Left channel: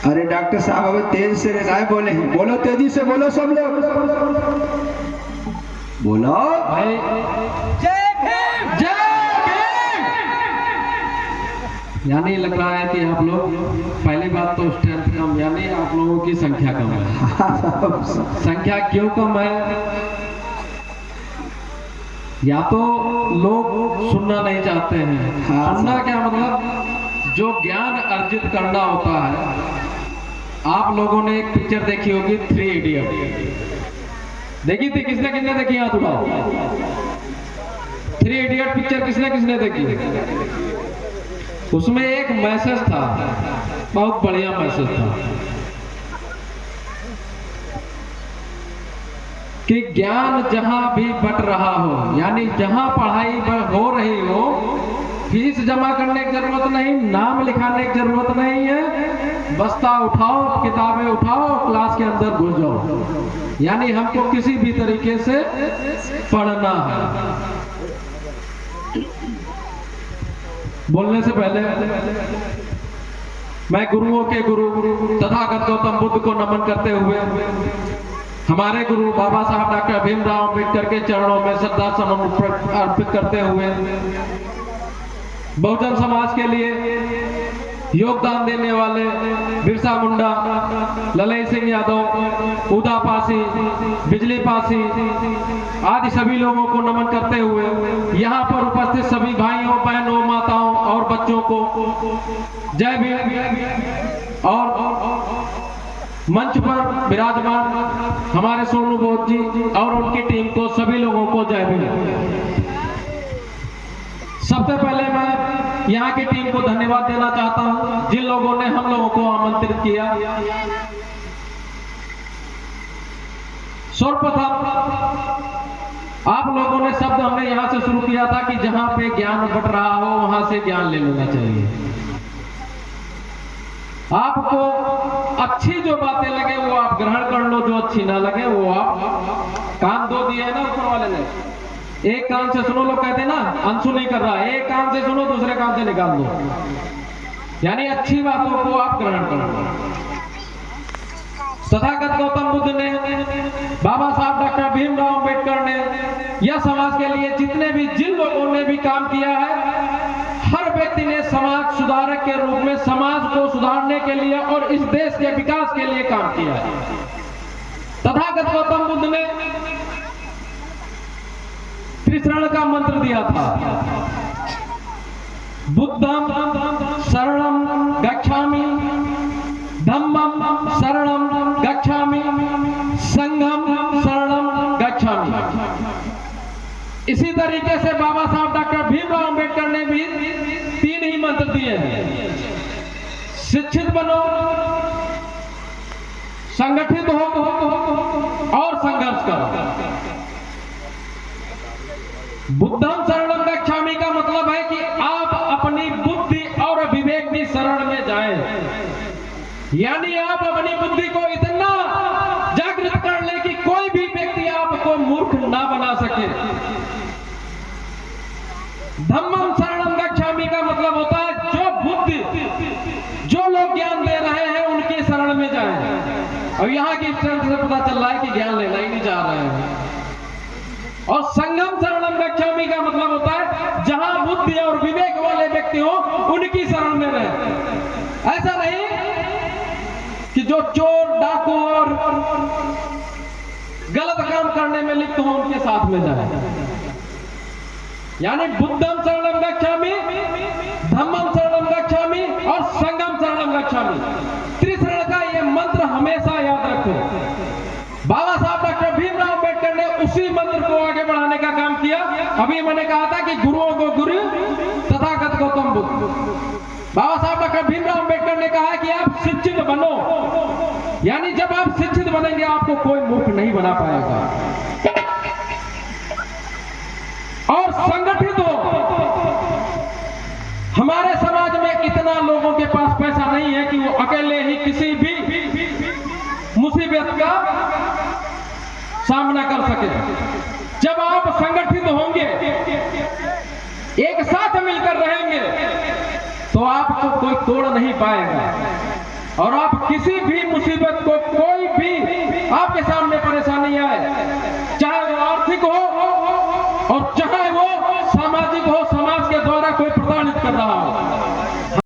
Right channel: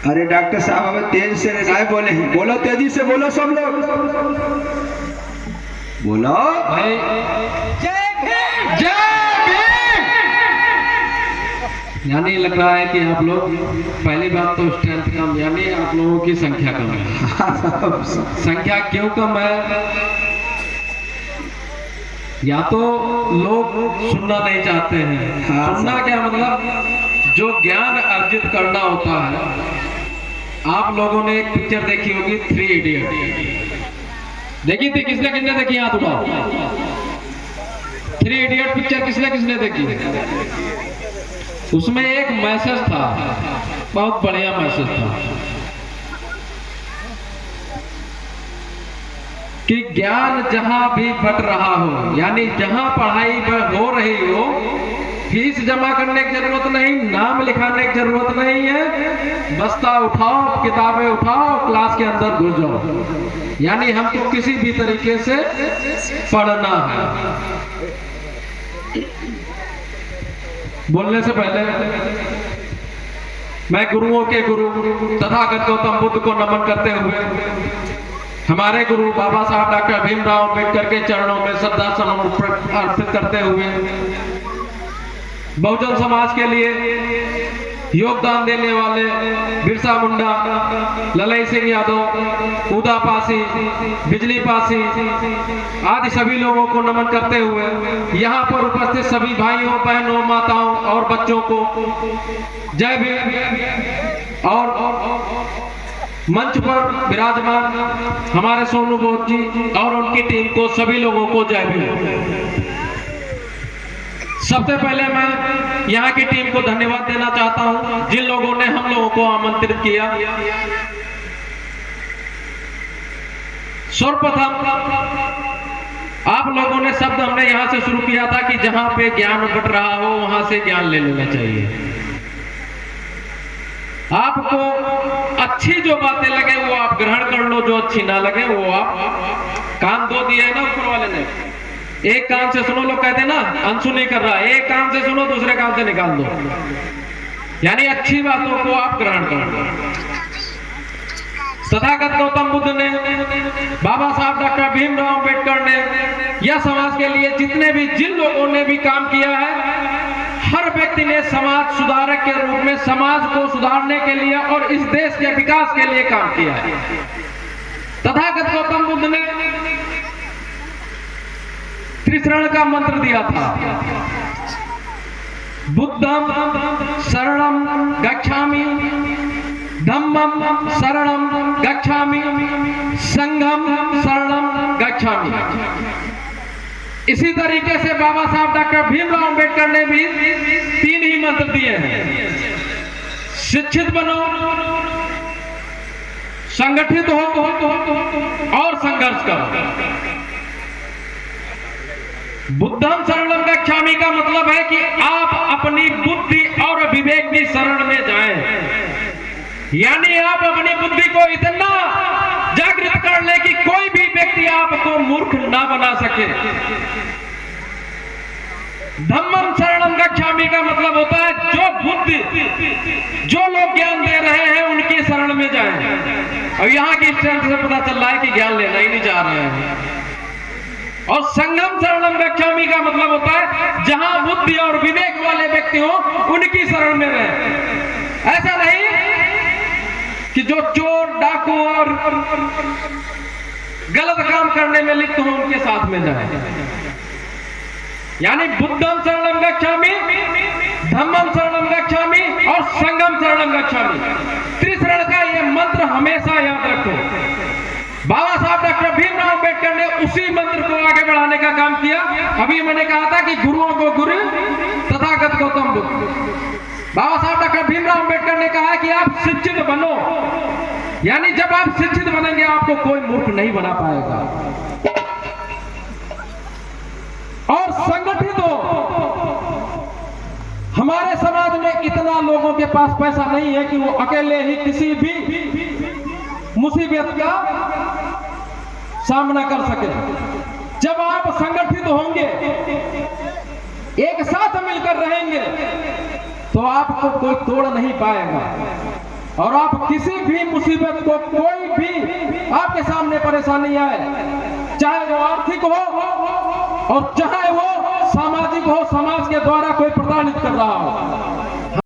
अरे डॉक्टर साहब अब तेज से नहीं बोले हैं, बोलो तेजी से बोलो सब लोग, बोलो भाई जय भीम। जय भीम। यानी लग रहा है कि आप लोग, पहली बात तो स्ट्रेंथ कम, यानी आप लोगों की संख्या कम है। संख्या क्यों कम है? या तो लोग सुनना नहीं चाहते हैं। सुनना क्या मतलब, जो ज्ञान अर्जित करना होता है। आप लोगों ने एक पिक्चर देखी होगी, 3 इडियट। देखी थी? किसने किसने देखी? हाथ उठाओ। 3 इडियट पिक्चर किसने किसने देखी? उसमें एक मैसेज था, बहुत बढ़िया मैसेज था कि ज्ञान जहां भी बट रहा हो, यानी जहां पढ़ाई हो रही हो, फीस जमा करने की जरूरत नहीं, नाम लिखाने की जरूरत नहीं है, बस्ता उठाओ, किताबें उठाओ, क्लास के अंदर घुस जाओ। यानी हमको किसी भी तरीके से पढ़ना है। बोलने से पहले मैं गुरुओं के गुरु तथागत गौतम बुद्ध को नमन करते हुए हमारे गुरु बाबा साहब डॉक्टर भीमराव अम्बेडकर के चरणों में श्रद्धा सुमन अर्पित करते हुए बहुजन समाज के लिए योगदान देने वाले बिरसा मुंडा, ललई सिंह यादव, उदा पासी, बिजली पासी आदि सभी लोगों को नमन करते हुए यहाँ पर उपस्थित सभी भाइयों, बहनों, माताओं और बच्चों को जय भीम। और मंच पर विराजमान हमारे सोनू बोध जी और उनकी टीम को, सभी लोगों को जय भीम। सबसे पहले मैं यहाँ की टीम को धन्यवाद देना चाहता हूँ, जिन लोगों ने हम लोगों को आमंत्रित किया। सर्वप्रथम आप लोगों ने शब्द हमने यहाँ से शुरू किया था कि जहाँ पे ज्ञान बट रहा हो वहां से ज्ञान ले लेना चाहिए। आपको अच्छी जो बातें लगे वो आप ग्रहण कर लो, जो अच्छी ना लगे वो आप, कान दो दिया है ना ऊपर वाले ने, एक कान से सुनो, लोग कहते हैं ना अंशु नहीं कर रहा, एक कान से सुनो, दूसरे कान से निकाल दो। यानी अच्छी बातों को आप ग्रहण करो। तथागत गौतम बुद्ध ने, बाबा साहब डॉक्टर भीमराव अम्बेडकर ने, यह समाज के लिए जितने भी, जिन लोगों ने भी काम किया है, हर व्यक्ति ने समाज सुधारक के रूप में समाज को सुधारने के लिए और इस देश के विकास के लिए काम किया है। तथागत गौतम बुद्ध ने त्रिशरण का मंत्र दिया था, बुद्धम शरणम गच्छामि, धम्मम शरणम गच्छामि, संघम शरणम गच्छामि। इसी तरीके से बाबा साहब डॉक्टर भीमराव अम्बेडकर ने भी 3 ही मंत्र दिए हैं। शिक्षित बनो, संगठित हो और संघर्ष करो। बुद्धम शरणम गच्छामि का मतलब है कि आप अपनी बुद्धि और विवेक की शरण में जाएं। यानी आप अपनी बुद्धि को इतना जागृत कर ले कि कोई भी व्यक्ति आपको मूर्ख ना बना सके। धम्मम शरणम गच्छामि का मतलब होता है जो बुद्धि, जो लोग ज्ञान दे रहे हैं उनकी शरण में जाएं। और यहाँ की स्ट्रेंथ से पता चल रहा है कि ज्ञान लेना ही नहीं चाह रहे हैं। और संगम शरणम गच्छामि का मतलब होता है जहां बुद्धि और विवेक वाले व्यक्ति हो उनकी शरण में रहे। ऐसा नहीं कि जो चोर, डाकू और गलत काम करने में लिप्त हो उनके साथ में जाए। यानी बुद्धम शरणम गच्छामि, धम्मम शरणम गच्छामि और संगम शरणम गच्छामि। त्रिशरण का यह मंत्र हमेशा याद रखो। बाबा साहब डॉक्टर भीमराव अम्बेडकर ने उसी मंत्र को आगे बढ़ाने का काम किया। अभी मैंने कहा था कि गुरुओं को गुरु तथागत गौतम बुद्ध। बाबा साहब डॉक्टर भीमराव अम्बेडकर ने कहा कि आप शिक्षित बनो, यानी जब आप शिक्षित बनेंगे आपको कोई मूर्ख नहीं बना पाएगा। और संगठित हो। हमारे समाज में इतना लोगों के पास पैसा नहीं है कि वो अकेले ही किसी भी मुसीबत का सामना कर सके। जब आप संगठित होंगे, एक साथ मिलकर रहेंगे, तो आपको कोई तोड़ नहीं पाएगा। और आप किसी भी मुसीबत को, कोई भी आपके सामने परेशानी आए, चाहे वो आर्थिक हो और चाहे